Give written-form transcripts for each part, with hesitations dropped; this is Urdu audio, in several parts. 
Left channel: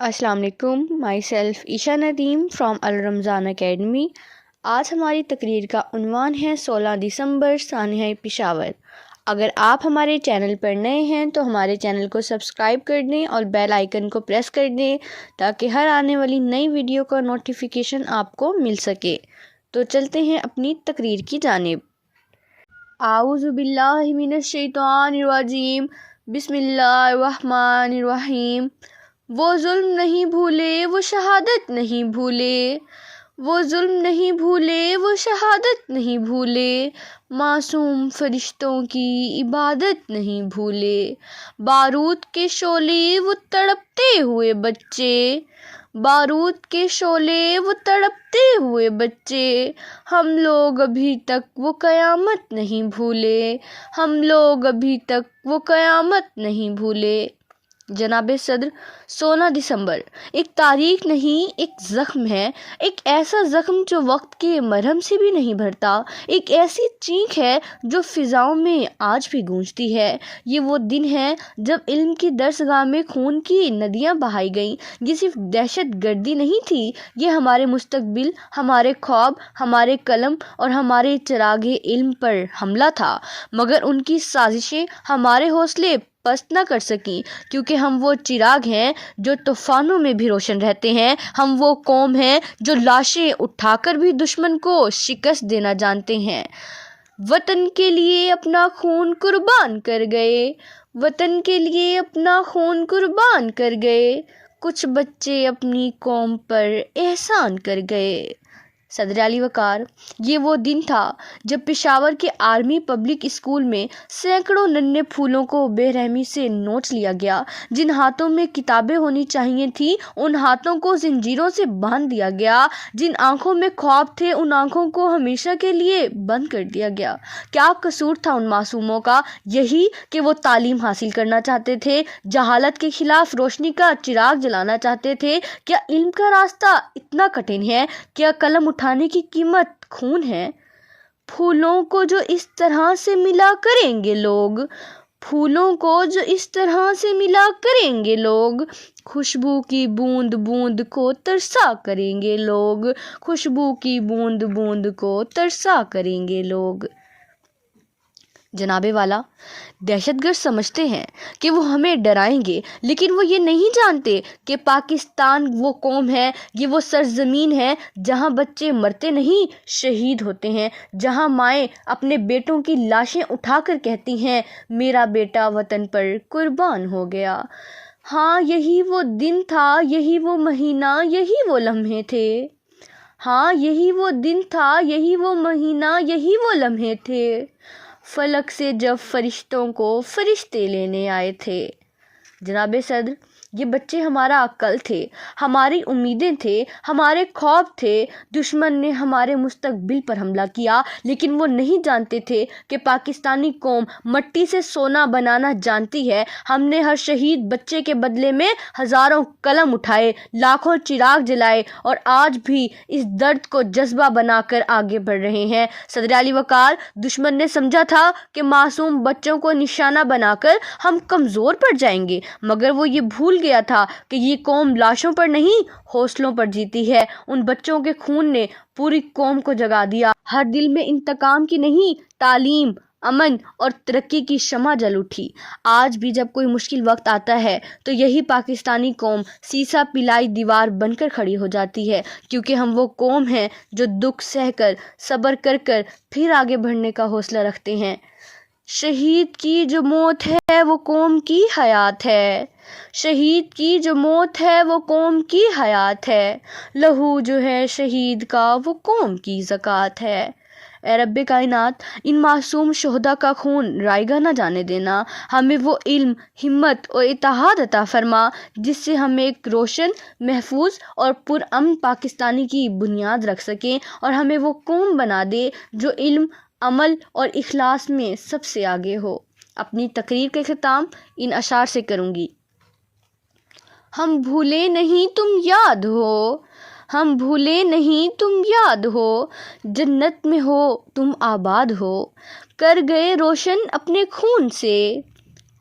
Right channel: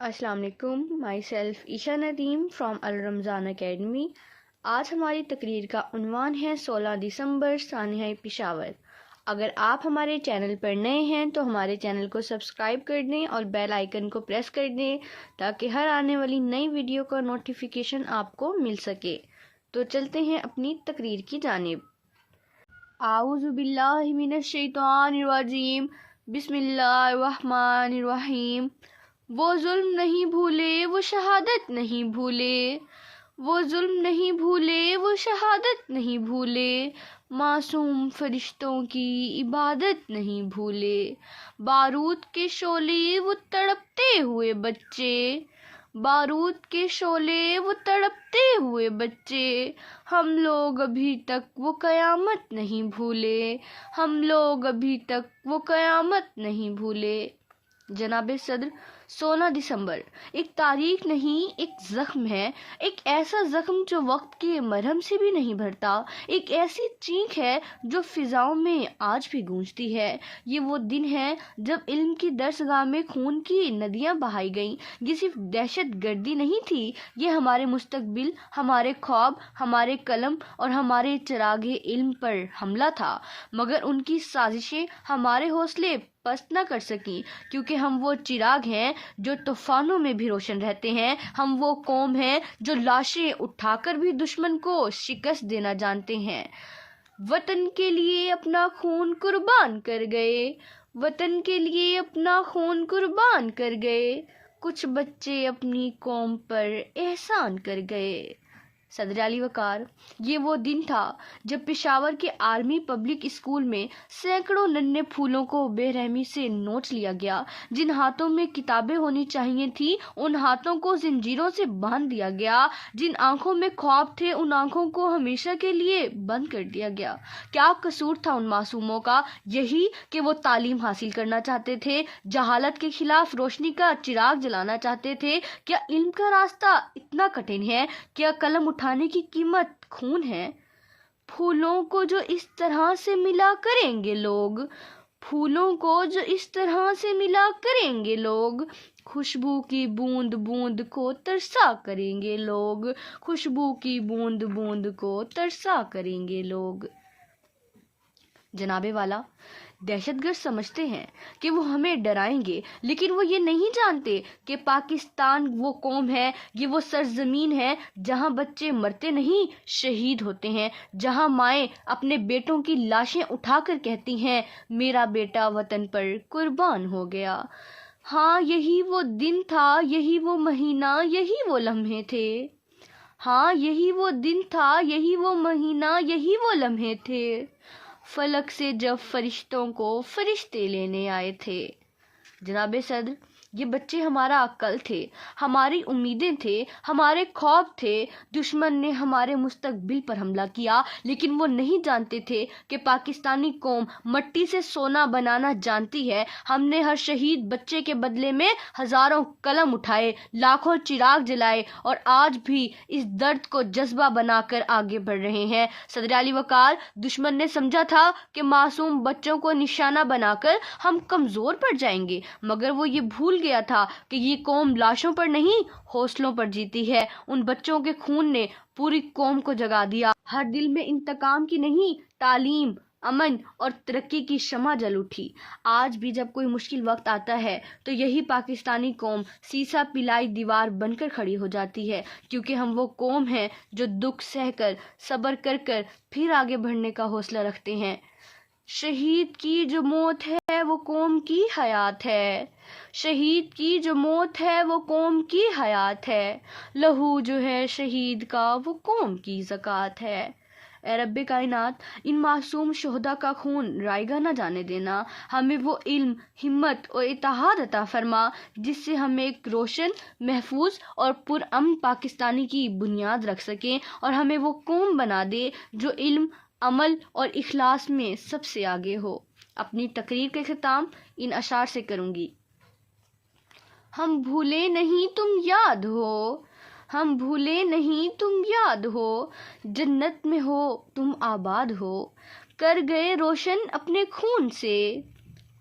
السلام علیکم، my self Isha Nadeem from الرمضان academy. آج ہماری تقریر کا عنوان ہے 16 دسمبر سانحہ پشاور۔ اگر آپ ہمارے چینل پر نئے ہیں تو ہمارے چینل کو سبسکرائب کر دیں اور بیل آئیکن کو پریس کر دیں تاکہ ہر آنے والی نئی ویڈیو کا نوٹیفیکیشن آپ کو مل سکے۔ تو چلتے ہیں اپنی تقریر کی جانب۔ اعوذ باللہ من الشیطان الرجیم، بسم اللہ الرحمن الرحیم۔ وہ ظلم نہیں بھولے وہ شہادت نہیں بھولے، وہ ظلم نہیں بھولے وہ شہادت نہیں بھولے، معصوم فرشتوں کی عبادت نہیں بھولے، بارود کے شعلے وہ تڑپتے ہوئے بچے، بارود کے شعلے وہ تڑپتے ہوئے بچے، ہم لوگ ابھی تک وہ قیامت نہیں بھولے، ہم لوگ ابھی تک وہ قیامت نہیں بھولے۔ جناب صدر، 16 دسمبر ایک تاریخ نہیں، ایک زخم ہے، ایک ایسا زخم جو وقت کے مرہم سے بھی نہیں بھرتا، ایک ایسی چینخ ہے جو فضاؤں میں آج بھی گونجتی ہے۔ یہ وہ دن ہے جب علم کی درسگاہ میں خون کی ندیاں بہائی گئیں۔ یہ صرف دہشت گردی نہیں تھی، یہ ہمارے مستقبل، ہمارے خواب، ہمارے قلم اور ہمارے چراغ علم پر حملہ تھا، مگر ان کی سازشیں ہمارے حوصلے پست نہ کر سکیں، کیونکہ ہم وہ چراغ ہیں جو طوفانوں میں بھی روشن رہتے ہیں، ہم وہ قوم ہیں جو لاشیں اٹھا کر بھی دشمن کو شکست دینا جانتے ہیں۔ وطن کے لیے اپنا خون قربان کر گئے، وطن کے لیے اپنا خون قربان کر گئے، کچھ بچے اپنی قوم پر احسان کر گئے۔ صدر علی وقار، یہ وہ دن تھا جب پشاور کے آرمی پبلک اسکول میں سینکڑوں ننھے پھولوں کو بے رحمی سے نوچ لیا گیا۔ جن ہاتھوں میں کتابیں ہونی چاہیے تھیں ان ہاتھوں کو زنجیروں سے باندھ دیا گیا، جن آنکھوں میں خواب تھے ان آنکھوں کو ہمیشہ کے لیے بند کر دیا گیا۔ کیا قصور تھا ان معصوموں کا؟ یہی کہ وہ تعلیم حاصل کرنا چاہتے تھے، جہالت کے خلاف روشنی کا چراغ جلانا چاہتے تھے۔ کیا علم کا راستہ اتنا کٹھن ہے؟ کیا قلم اٹھانے کی قیمت خون ہے؟ پھولوں کو جو اس طرح سے ملا کریں گے لوگ، پھولوں کو جو اس طرح سے ملا کریں گے لوگ، خوشبو کی بوند بوند کو ترسا کریں گے لوگ، خوشبو کی بوند بوند کو ترسا کریں گے لوگ۔ جناب والا، دہشت گرد سمجھتے ہیں کہ وہ ہمیں ڈرائیں گے، لیکن وہ یہ نہیں جانتے کہ پاکستان وہ قوم ہے، یہ وہ سرزمین ہے جہاں بچے مرتے نہیں شہید ہوتے ہیں، جہاں مائیں اپنے بیٹوں کی لاشیں اٹھا کر کہتی ہیں میرا بیٹا وطن پر قربان ہو گیا۔ ہاں، یہی وہ دن تھا، یہی وہ مہینہ، یہی وہ لمحے تھے۔ ہاں، یہی وہ دن تھا، یہی وہ مہینہ، یہی وہ لمحے تھے، فلک سے جب فرشتوں کو فرشتے لینے آئے تھے۔ جناب صدر، یہ بچے ہمارا عقل تھے، ہماری امیدیں تھے، ہمارے خواب تھے۔ دشمن نے ہمارے مستقبل پر حملہ کیا، لیکن وہ نہیں جانتے تھے کہ پاکستانی قوم مٹی سے سونا بنانا جانتی ہے۔ ہم نے ہر شہید بچے کے بدلے میں ہزاروں قلم اٹھائے، لاکھوں چراغ جلائے اور آج بھی اس درد کو جذبہ بنا کر آگے بڑھ رہے ہیں۔ صدر علی وقار، دشمن نے سمجھا تھا کہ معصوم بچوں کو نشانہ بنا کر ہم کمزور پڑ جائیں گے، مگر وہ یہ بھول گیا تھا کہ یہ قوم لاشوں پر نہیں حوصلوں پر جیتی ہے۔ ان بچوں کے خون نے پوری قوم کو جگا دیا، ہر دل میں انتقام کی نہیں، تعلیم، امن اور ترقی کی شمع جل اٹھی۔ آج بھی جب کوئی مشکل وقت آتا ہے تو یہی پاکستانی قوم سیسا پلائی دیوار بن کر کھڑی ہو جاتی ہے، کیونکہ ہم وہ قوم ہیں جو دکھ سہ کر، صبر کر کر پھر آگے بڑھنے کا حوصلہ رکھتے ہیں۔ شہید کی جو موت ہے وہ قوم کی حیات ہے، شہید کی جو موت ہے وہ قوم کی حیات ہے، لہو جو ہے شہید کا وہ قوم کی زکوٰۃ ہے۔ اے رب کائنات، ان معصوم شہداء کا خون رائے گاہ نہ جانے دینا، ہمیں وہ علم، ہمت اور اتحاد عطا فرما جس سے ہم ایک روشن، محفوظ اور پرامن پاکستانی کی بنیاد رکھ سکیں، اور ہمیں وہ قوم بنا دے جو علم، عمل اور اخلاص میں سب سے آگے ہو۔ اپنی تقریر کے ختام ان اشعار سے کروں گی۔ ہم بھولے نہیں تم یاد ہو، ہم بھولے نہیں تم یاد ہو، جنت میں ہو تم آباد ہو، کر گئے روشن اپنے خون سے،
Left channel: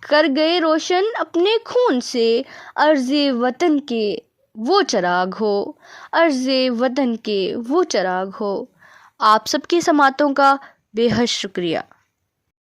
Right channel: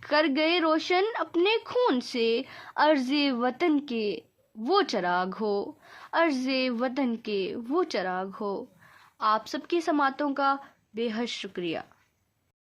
کر گئے روشن اپنے خون سے، عرض وطن کے وہ چراغ ہو، عرض وطن کے وہ چراغ ہو۔ آپ سب کی سماعتوں کا بے حد شکریہ۔